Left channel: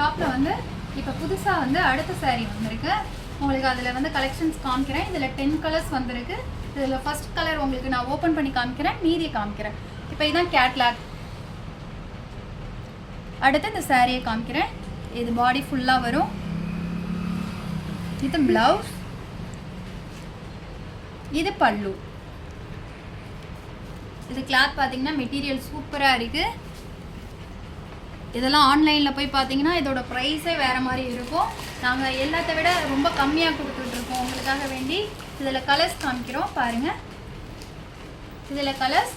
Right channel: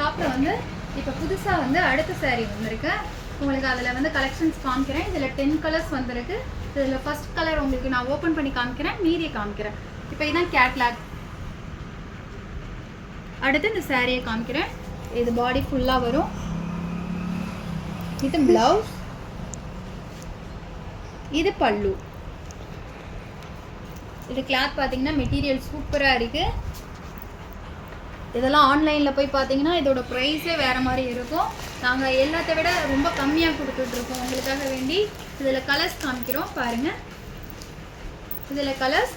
ஷாப்பில் வந்து இப்போ புதுசாக வந்து அடுத்த saree வந்திருக்கு. உங்களுக்கு அதில் வந்து கலெக்ஷன்ஸ் காமிக்கிறேன். இதில் 10 கலர்ஸ் வந்திருக்கு. இதில் ஃபர்ஸ்ட் கலர் உங்களுக்கு நான் ஓப்பன் பண்ணி காமிக்கிறேன், மீதியை காமிக்கிறேன். இப்போ இதுதான் கேட்லாக். அடுத்து இந்த சாரியை காமிக்கிறேன். இது பாடி ஃபுல்லாக வரும். இது ப்ளவுஸ், இது பல்லு. இது கிளாத் பார்த்தீங்கன்னா மெட்டீரியல் சூப்பராக இருக்குது. இதெல்லாம் ஆன்லைனில் போய் பார்த்தீங்கன்னா இதோட ப்ரைஸே வேறு மாதிரி இருக்கும். நாங்கள் எல்லாத்த விட ரொம்ப கம்மியாக கொடுத்துட்ருக்கோம் உங்களுக்காக வேண்டி. இதில் கலர்ஸ் காமிக்கிறோம் பாருங்கள். இதில் colours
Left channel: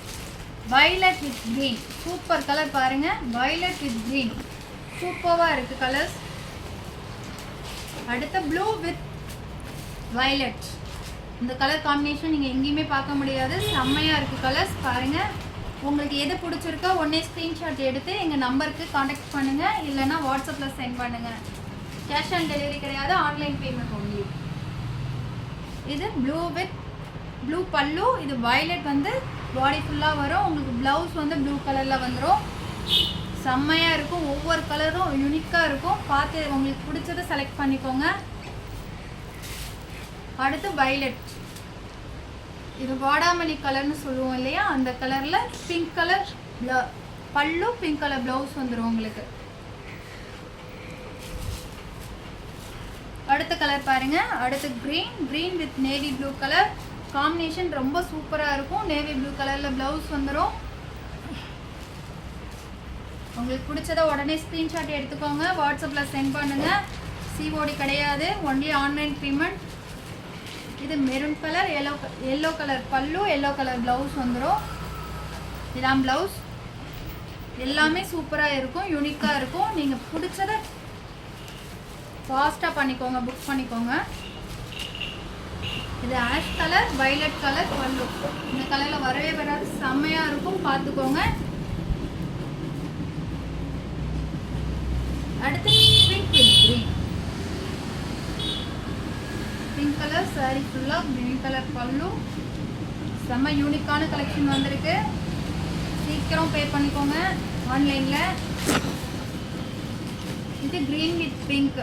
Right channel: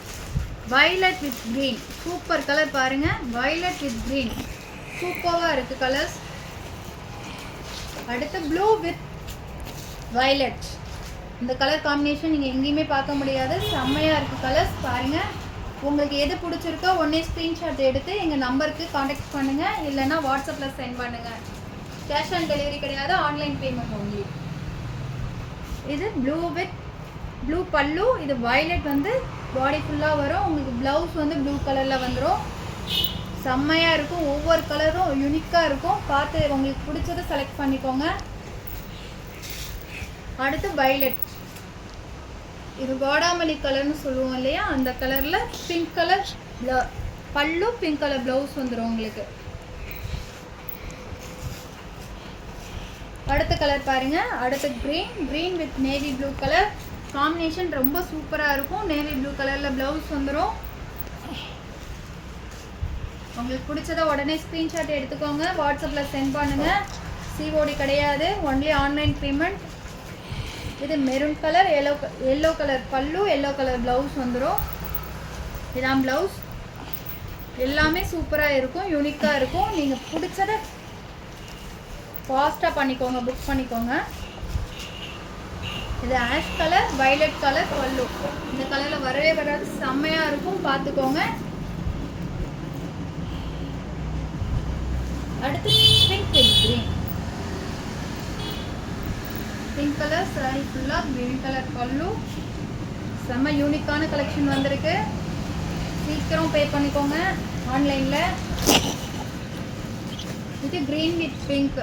violet with green, super colour பாருங்கள். violet with green சூப்பராக இருக்குது கலர்ஸ். அடுத்து ப்ளூ வித் violet. இந்த கலர் காம்பினேஷன் நீங்கள் எங்கேயுமே பார்க்க முடியாது, செம்மையாக இருக்குது கலர்ஸ் பாருங்கள். உங்களுக்கு எது பிடிச்சிருக்கோ உடனே ஸ்க்ரீன்ஷாட் எடுத்து எங்கள் நம்பருக்கு காண்டாக்ட் பண்ணுங்கள், இல்லைன்னா வாட்ஸ்அப்பில் சென்ட் பண்ணுங்கள். கேஷ் ஆன் டெலிவரி கிடையாது, ஆன்லைன் பேமெண்ட் ஒன்லி. இது ப்ளூ வித் ப்ளூ பல்லு. இது வயலட் வந்து பாடி ஃபுல்லாக வரும். உங்களுக்கு ப்ளவுஸ் வந்து ப்ளூ கலரில் வந்துடும். செம்மையாக இருக்கும். ஒவ்வொரு கலரும் யூனிக்காக இருக்கும். பார்த்து உங்களுக்கு பிடிச்சதை செலக்ட் பண்ணிக்கோங்க. அடுத்து வயலட். இது வாடாமல்லி கலர்னு சொல்லுவோம் இல்லையா, அந்த கலரில் பிங்க் கலர் பல்லு, பிங்க் கலர் ப்ளவுஸ் வந்துடும் உங்களுக்கு. அடுத்த கலர் பாருங்க. அடுத்து green with navy blue colour combination ரொம்ப சூப்பராக இருக்கும். நேவி ப்ளூ கலரில் ப்ளவுஸ் வந்துடும். உங்களுக்கு பிடிச்சதை உடனே ஸ்க்ரீன்ஷாட் எடுத்துக்கோங்க, வாட்ஸ்அப்பில் சென்ட் பண்ணுங்கள். சிஓடி கிடையாது, ஒன்லி ஆன்லைன் பேமெண்ட். இது மெரூன் கலர், எல்லோ கலர் பல்லு, எல்லோ கலர் ப்ளவுஸ் வந்துடும். இதான் ப்ளவுஸ். எல்லாமே சூப்பராக இருக்கும், யூனிக்காக இருக்கும். நீங்கள் பிடிச்சதை ஃபாஸ்ட்டாக பண்ணிக்கோங்க, புக் பண்ணிக்கோங்க. இது ஆஷ் கலர், வயலட் கலர் பல்லு. இந்த கலரில் வரவே வராது, செம்மையாக இருக்கும், பார்த்துக்கோங்க. அடுத்து pink with green. Pink colour sorry ஃபுல்லாக க்ரீன் கலர் பல்லு. செம்ம யூனிக்கான கலெக்ஷன் வந்திருக்கு. சீக்கிரம் பே பண்ணிக்கோங்க ஆன்லைனில். இது க்ரீன் வித் பிங்க்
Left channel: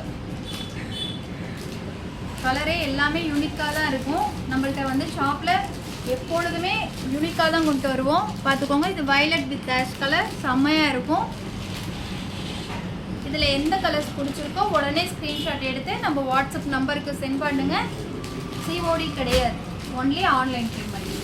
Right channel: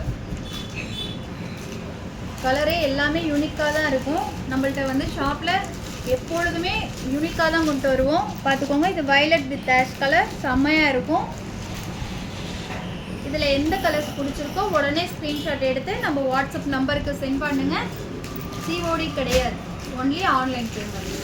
கலரே எல்லாமே யூனிக்காக தான் இருக்கும். நம்மள்ட்ட வந்து ஷாப்பில் எப்பொழுதுமே யூனிக்காக தான் கொண்டு வருவோம், பார்த்துக்கோங்க. இது வயலட் வித் ஆஷ் கலர் செம்மையாக இருக்கும். இதில் எந்த கலர்ஸ் பிடிச்சிருக்கோ உடனே ஸ்க்ரீன்ஷாட் எடுத்து நம்ம வாட்ஸ்அப் நம்பருக்கு சென்ட் பண்ணுங்கள். சிஓடி கிடையாது, ஒன்லி ஆன்லைன் பேமெண்ட்.